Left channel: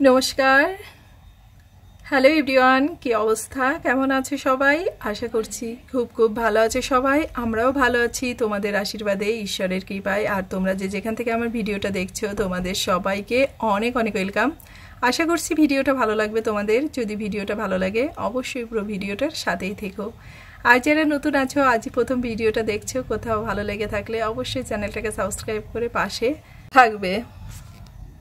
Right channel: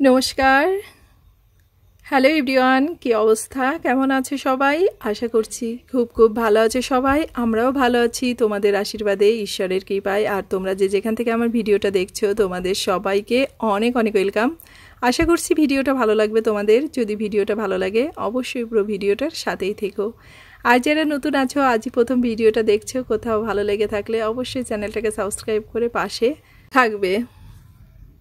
নমস্কার। Hello everyone, কি অবস্থা, কেমন আছে সবাই? আশা করছি খুব খুব ভালো আছে সবাই। আমরাও ভালো আছি তোমাদের আশীর্বাদে, ঈশ্বরের কৃপায়। আর তোমরা যে যেখান থেকে আমার ভিডিওটা দেখছো তোমাদের সবাইকে অনেক অনেক ওয়েলকাম। আশা করছি ভিডিওটা ভালো লাগবে তোমাদের। যদি ভিডিওটা ভালো লাগে অবশ্যই পুরো ভিডিওটার সাথেই থেকো। আর যারা নতুন আছো, আজই প্রথম ভিডিওটা দেখছো, কোথাও ভালো লেগে থাকলে অবশ্যই চ্যানেলটাকে সাবস্ক্রাইব করে পাশে থাকবে।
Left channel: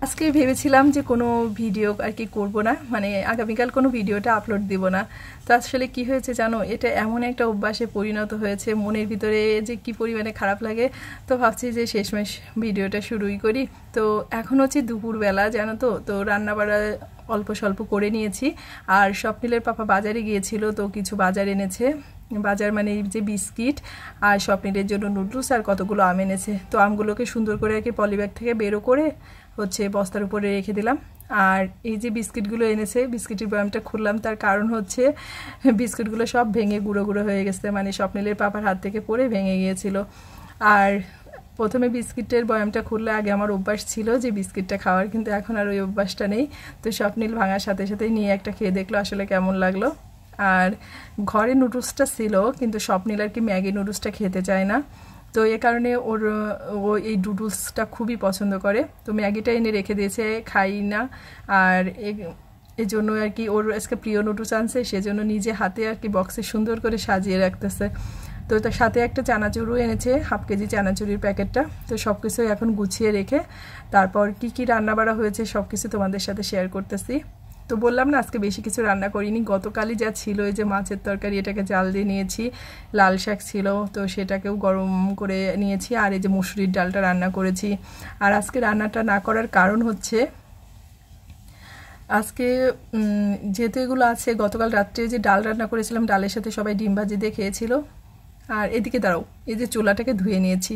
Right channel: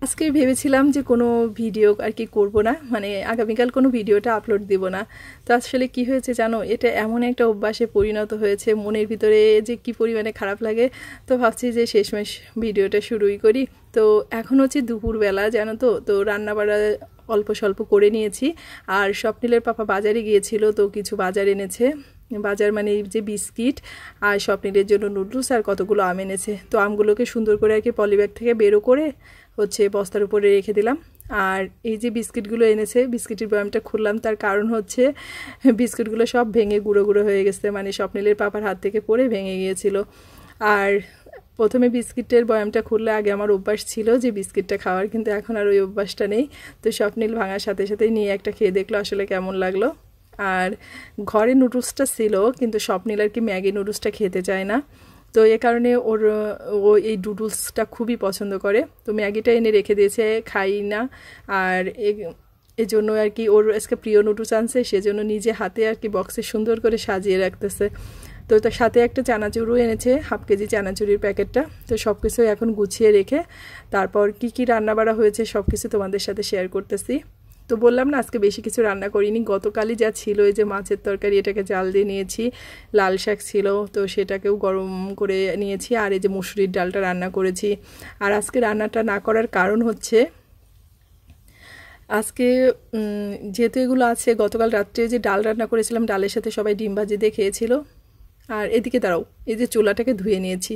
আজকে ভেবেছিলাম যে কোনো ভিডিও আর কি করবো না, মানে আগামীকাল কোনো ভিডিওটা আপলোড দিব না। তো আসলে কি হয়েছে জানো, এটা এমন একটা অভ্যাসে পরিণত হয়েছে, মনের ভিতরে যে কি পরিমাণে খারাপ লাগে। তো ভাবছি যে শেষমেশ ভিডিওটা শুরুই করি। তো এখন হচ্ছে দুপুরবেলা, জানো তো, তো রান্নাবাড়া অল্প স্বল্প করে নিয়েছি। আর স্বপ্নিলের পাপা বাজারে গিয়েছিল, তো কিছু বাজার এনেছে। বাজার মানে যে বিস্কিট, আর স্বপ্নিলের জন্য নুডলস, আর কতগুলো আম এনেছে। তো আমগুলোকে সুন্দর করে আর কি পলিব্যাগ থেকে বেরো করে হচ্ছে বস্তার উপরে রেখে দিলাম। আর এই যে বিস্কিটগুলো এনেছে, বিস্কিটের বয়ামটা খুললাম, তার কারণ হচ্ছে বিস্কিটগুলো সব ভেঙে গুঁড়ো গুঁড়ো হয়ে গেছে, মানে স্বপ্নিলের পাপার হাত থেকে পড়ে ভেঙে গিয়েছিল। আর প্রথমে বিস্কিটের বয়ামটা খুললে আগে আমার অভ্যাস ছিল যে বিস্কিটটা খাওয়ার, কিন্তু এখন আর ওই অভ্যাসটা নেই। তো স্বপ্নিল ভাঙার সাথে সাথেই নিয়ে একটা খেয়ে দেখলো আসলে কেমন লাগলো। আর ঘরে নুডলসটা ছিল, কিন্তু স্বপ্নিল আর কি ম্যাগি নুডলসটা খেতে চায় না। তো এ কারণে ও এই নুডলসটা খুবই পছন্দ করে। তো ম্যাগিটা এনে রেখে দিয়েছে, খাই না। আর এই জন্য আর কি ওর আজকে প্রিয় নুডলস আনছে, সেজন্য নিজে হাতে আর কি বক্সে সুন্দর করে সাজিয়ে রাখতেছে। তো তার সাথে একটা চানাচুরও এনেছে, হাফ কেজি চানাচুরির প্যাকেটটা। তো সব কিছু এখন গুছিয়ে রেখে তারপর কি কি রান্না বাড়া হয়েছে সব কিছু তোমাদের সাথে শেয়ার করতেছি। তো বললাম না আজকে বেশি কিছু রান্না করিনি, গতকালই যা ছিল এই যে মাছের তরকারি, এটাকে জাল দিয়ে নিয়েছি। লাল শাক ছিল, তো সেটাকেও গরম করে নিয়েছি। আর এই যে মসুরির ডালটা রান্না করেছি। আর আজকে রান্নাটা না করার কারণ হচ্ছে, আজকে যেহেতু এগুলো আছে, গতকাল রাত্রে যে ডাল রান্না করেছিলাম, ডালের সাথে সবাই ডিম ভাজি দিয়ে খেয়েছিল। আর এদিকে দাঁড়াও, এই যে চুলাটাকে ধুয়ে নিয়েছি।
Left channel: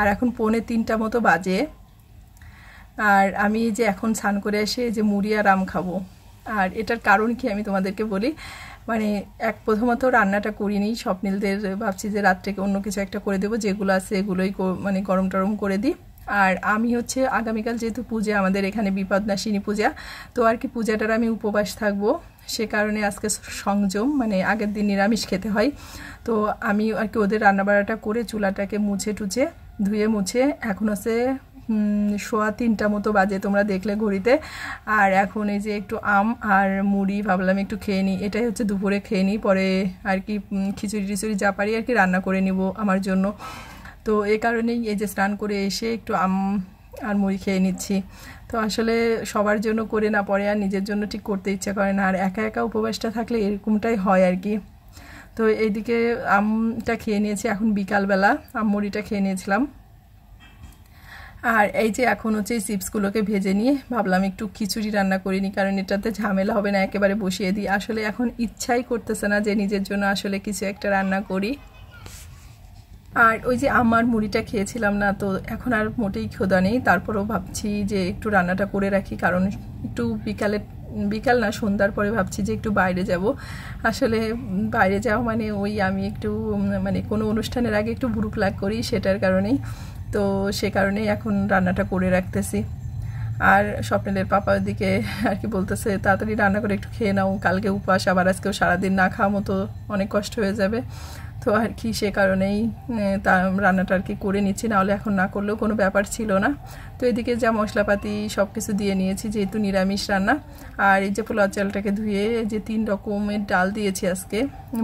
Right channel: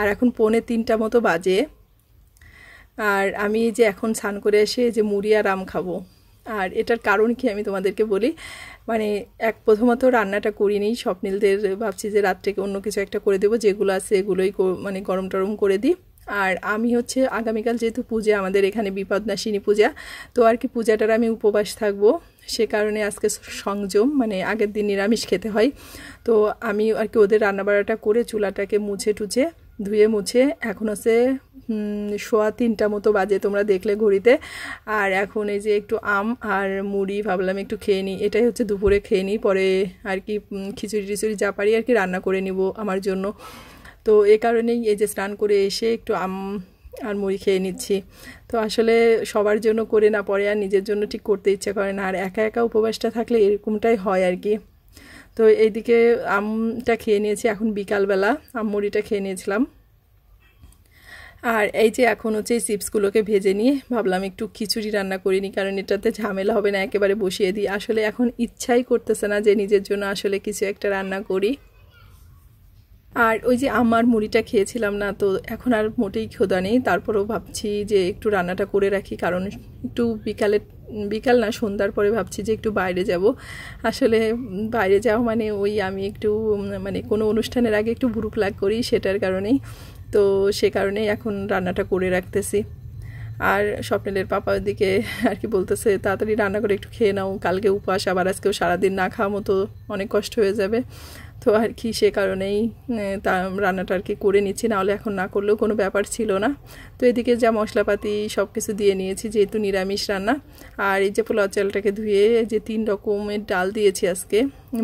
আর এখন 2:45 মতো বাজে। আর আমি যে এখন স্নান করে এসে যে মুড়ি আর আম খাবো। আর এটার কারণ কি আমি তোমাদেরকে বলি। মানে প্রথমত রান্নাটা করিনি, স্বপ্নিলদের ভাবছি যে রাত্রেকে অন্য কিছু একটা করে দেবো, যেগুলো আছে এগুলোই মানে গরম টরম করে দিই। আর আমি হচ্ছে আগামীকাল যেহেতু পূজা, আমাদের এখানে বিপদনাশিনী পূজা, তো আর কি পূজাটার আমি উপবাস থাকবো। সে কারণে আজকে সংযম, মানে আগের দিন নিরামিষ খেতে হয়। তো আমি আর কি ওদের রান্নাবাড়াটা করে চুলাটাকে মুছে টুছে ধুয়ে মুছে এখন হচ্ছে 3:15 মতো বাজে, তোমরা দেখলে ঘড়িতে। আর এখন এই যে একটু আম আর মুড়ি ভাবলাম একটু খেয়ে নিই, এটাই হচ্ছে দুপুরে খেয়ে নিই। পরে আর কি খিচুড়ি টিচুড়ি যা পারি আর কি রান্না করে নিব আমার জন্য। তো এ কারণেই এই যে স্নান করে এসে একটু আম আর মুড়ি খেয়ে নিচ্ছি। তো আসলে সবার জন্য করে না পরে আর নিজের জন্য ঠিক করতে ইচ্ছে করে না, আর একা একা উপবাসটা থাকলে এরকমটাই হয় আর কি। তো এইদিকে আমটা খেয়ে নিয়েছি, এখন বিকালবেলা আম মুড়িটা খেয়ে নিয়েছিলাম। আর এই যে এখন হচ্ছে এই চিপসগুলোকে ভেজে নিয়ে ভাবলাম একটু খিচুড়ি রান্না করিনি, কারণ এটাতে ঝামেলা হবে না, একেবারে বসিয়ে দিই। আসলে এখন ইচ্ছাই করতেছে না যে নিজের জন্য আসলে কিছু একটা রান্না করি। আর ওই যে আমার মুড়িটা খেয়েছিলাম না, তো এখন আর মোটেই ক্ষুধা নেই। তারপরেও ভাবছি যে একটু রান্নাটা করে রাখি, কারণ একটু বিকাল না সন্ধ্যার পরে ভাবছি যে একটু বাইরে যাব। আসলে বাইরে যাওয়া মানে ওই আমি একটু মানে কোনো অনুষ্ঠানের আগে একটু ভুরুক লাগ করি, সেটার কারণেই। তো সে কারণেই এখন রান্নাটা করে রাখতেছি। আর স্বপ্নিলের পাপার দিকে আর কি বলতেছে তাড়াতাড়ি রান্না করে একটু খেয়ে নাও, কালকে উপবাস, আবার আজকেও সারাদিন না খাওয়া মতো অনেক কষ্ট হয়ে যাবে। তো আর কি সে কারণেই রান্নাটা আর কি করে নিচ্ছি, নাহলে এখন না করলেও কোনো ব্যাপার ছিল না। তো এদিকে যা মশলাপাতি সব কিছু দিয়ে নিয়েছি, যেহেতু নিরামিষ রান্না। আর এই যে পোলাও চালটাকে ধুয়ে যে 3 রকমের ডাল দিয়েছি আজকে,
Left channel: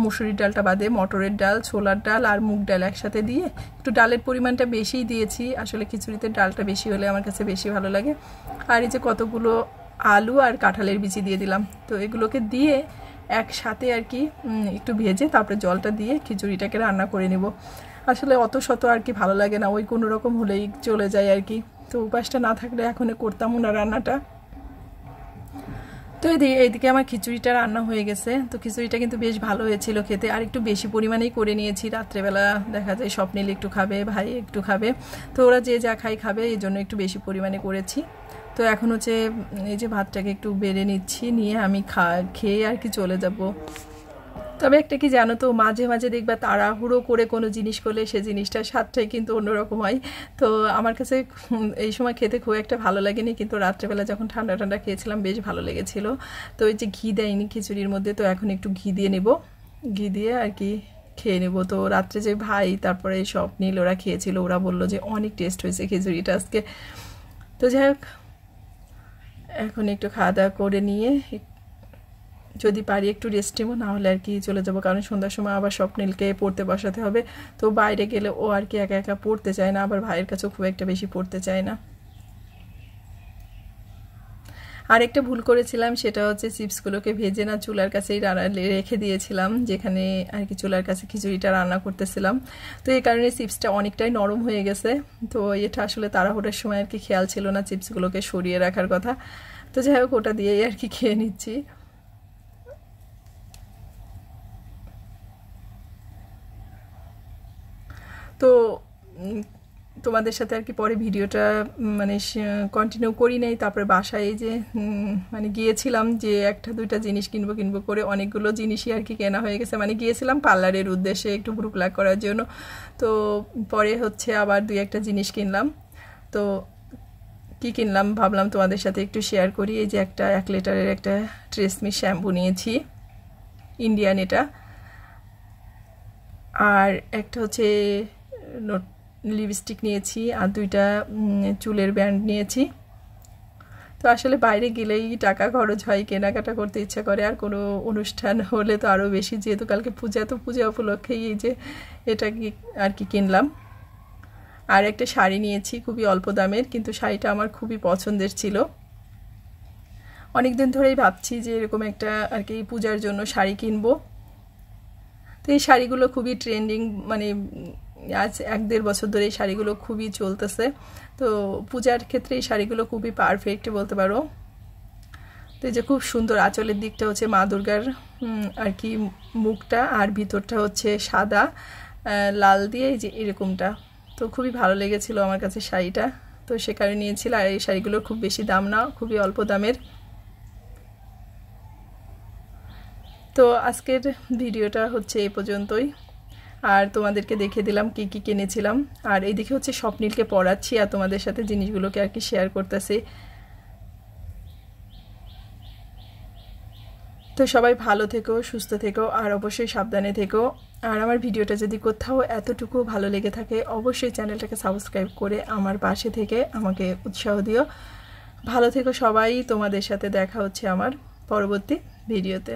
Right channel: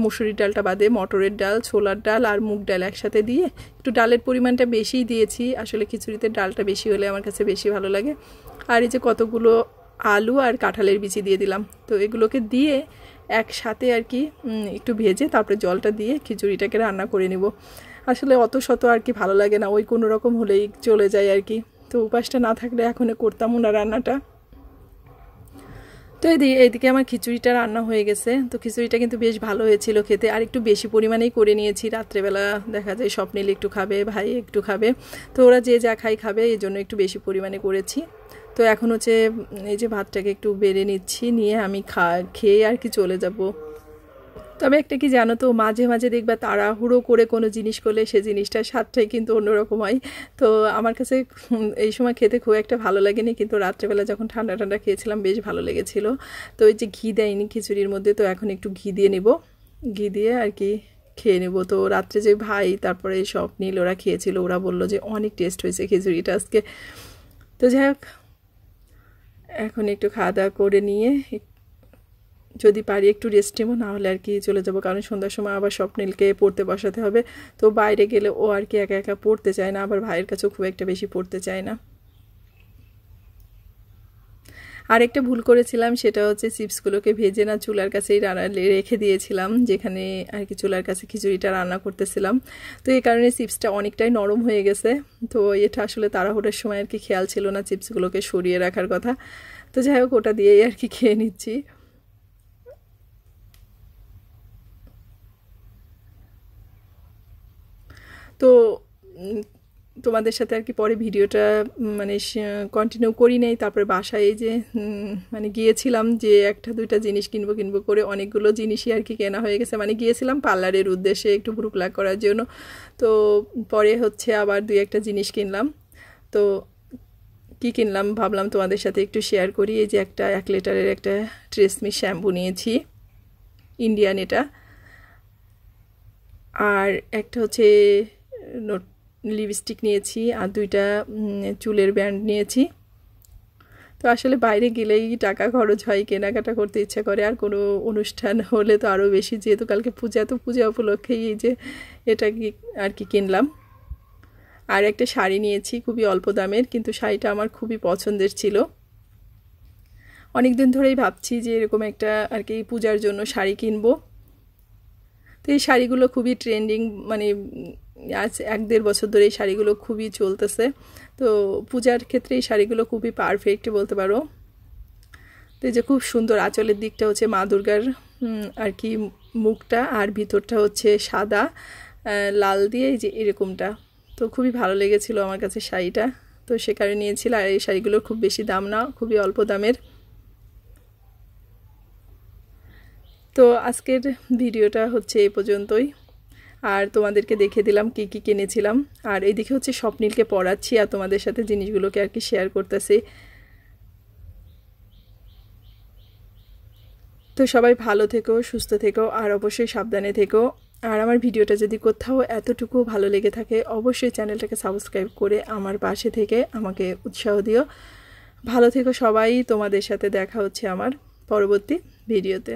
মুসুরির ডালটা বাদে মটরের ডাল, ছোলার ডাল আর মুগ ডাল একসাথে দিয়ে একটু ডালের পরিমাণটা বেশিই দিয়েছি। আসলে খিচুড়িতে ডালটা বেশি হলে আমার কাছে বেশি ভালো লাগে। আর এই যে কতগুলো আলু আর কাঁঠালের বিচি দিয়ে দিলাম। তো এগুলোকে দিয়ে একসাথে আর কি একটু ভেজে তারপরে জলটা দিয়ে খিচুড়িটাকে রান্না করে নিব। আসলে অত শত আর কি ভালো লাগে না, ওই কোনো রকম হলেই চলে যায় আর কি। তো উপাসটা না থাকলে এখন করতামও না রান্নাটা। তো এইদিকে আমার খিচুড়িটা রান্না হয়ে গেছে। তো খিচুড়িটা কিন্তু বেশ ভালো হয়েছিল খেতে, আর একটু বেশি পরিমাণেই করে নিয়েছি। রাত্রেবেলা দেখা যায় স্বপ্নিল একটু খাবে, ভাই একটু খাবে, তো ওরা যে যা খাবে, এই জন্য একটু বেশি পরিমাণে করেছি। তো এখন হচ্ছে এই যে ভাতটাকে একটু বেড়ে নিচ্ছি, নিয়ে আমি খেয়ে আর কি চলে যাব। তবে একটা কি জানো তো, মাঝে মাঝে দেখবা তাড়াহুড়ো করে কোনো জিনিস করলে সে জিনিসটার স্বাদটাই কিন্তু অন্যরকম হয়। তো আমার কাছে এই সময় খেতে খুব একটা ভালো লাগেনি, কিন্তু রাত্রেবেলা যখন ঠান্ডা ঠান্ডা খেয়েছিলাম বেশ ভালো লেগেছিল। তো ওই যে ঘি দেয়নি খিচুড়ির মধ্যে, তো এখন একটু ঘি দিয়ে নেব, ঘি দিয়ে আর কি খেয়ে নেব। তো রাত্রে যে ভাই তারপরে স্বপ্নীল ওরা খেয়েছিল, ওরা বললো যে অনেক টেস্ট হয়েছে খিচুড়িটা আজকে। তো যাই হোক, এখন একটু খাওয়া দাওয়া করে নিয়ে যদি পারি একটু রেস্ট নেবো, না হলে আর কি চলে যাবো, কারণ সন্ধ্যার সময় আবার স্বপ্নিলকে পড়তে বসাতে হবে। তো বাইরে গেলে ও আর কি একা একা পড়তে চায় না, আবার ভাইয়ের কাছেও খুব একটা বেশি পড়তে চায় না। আর একটা ভুল করেছিলাম, সেটা হচ্ছে চিপসগুলোকে ভেজে না চুলার কাছেই রেখে দিয়েছিলাম, যেখানে আর কি চুলার কাছে খিচুড়িটা রান্না করতেছিলাম। তো এই কারণে চিপসটা অনেকটাই নরম হয়ে গেছে। তো এটা আসলে তাড়াহুড়োর সময় আর কি খেয়াল ছিল না চিপসগুলোকে সরিয়ে রাখার কথা। তো যাই হোক, ওটা দিয়েই আর কি খেয়ে নিচ্ছি। তো তোমাদের সাথে আর কি পরে ভিডিওটা মানে কন্টিনিউ করি নাই। তারপরে বাসায় যে মানে গিয়েছিলাম, যে একটা দুইটা জিনিস কিনবো কিনবো করে অনেকগুলো জিনিসই আর কি কেনা হয়ে গেছে। মানে গিয়েছিলাম পার্লারের উদ্দেশ্যে একটু ভ্রু প্লাক করার জন্য। তো পরে হচ্ছে আবার দুই একটা জিনিস কিনলাম। তো কি কিনলাম ভাবলাম তোমাদের সাথে একটু শেয়ার করি। এই যে একটা 1 লিটারের একটা ট্রেসমি শ্যাম্পু নিয়েছি, ইন্ডিয়ান এটা। আর একটা হচ্ছে লিপস্টিক নিয়েছি, আর দুইটা চুলের ব্যান্ড নিয়েছি। তো আসলে বাইরে গেলেই টাকা খরচ হয়, কেনাকাটা করতে ইচ্ছা করে, আর কোনো অনুষ্ঠান হলে তো আরও বেশি, যেহেতু কালকে পূজা, তো পূজা উপলক্ষেই এই যে এটা কি আর কি কিনলাম। আর একটা শাড়ি নিয়েছি খুবই অল্প দামের, কিন্তু শাড়িটা আমার খুবই পছন্দের ছিল। অনেকদিন ধরেই ভাবছি যে এরকম একটা আর কি পূজার জন্য শাড়ি কিনবো। তো এই শাড়িগুলো খুবই ট্রেন্ডিং, মানে আজ 1-1.5 বছর ধরে এই শাড়িগুলো খুবই চলতেছে। তো পূজার ক্ষেত্রে এই শাড়িগুলো খুবই পারফেক্ট বলতে পারো। তো এই যে খুব সুন্দর, আঁচলের দিকটা হচ্ছে মা দুর্গার আর কি মুখটা, আর ভিতরটা হচ্ছে সাদা লাল দিয়ে এই যে এরকমটা। তো খুবই ভালো লেগেছিল আমার কাছে শাড়িটা, তো সে কারণে নিয়েছিল। আর এই শাড়িগুলোর খুব বেশি দাম না, খুবই অল্প দামের। তো আজকের ভিডিওটা হচ্ছে এই পর্যন্তই। আর তোমাদেরকে দেখে দিলাম কি কি কিনেছিলাম। আর এইদিকে হচ্ছে স্বপ্নিলকে পড়াচ্ছি আর তোমাদের সাথে জিনিসগুলোকে আর কি শেয়ার করতেছি। তো সবাই ভালো থেকো, সুস্থ থেকো, আর অবশ্যই সাবধানে থেকো। আর আমার ভিডিওটা যদি কোথাও এতটুকু ভালো লেগে থাকে, অবশ্যই চ্যানেলটাকে সাবস্ক্রাইব করে আমার পাশে থেকে আমাকে উৎসাহ দিও। ভালো থেকো সবাই, তোমাদের সাথে দেখা হচ্ছে আমার পরবর্তী ভিডিওতে।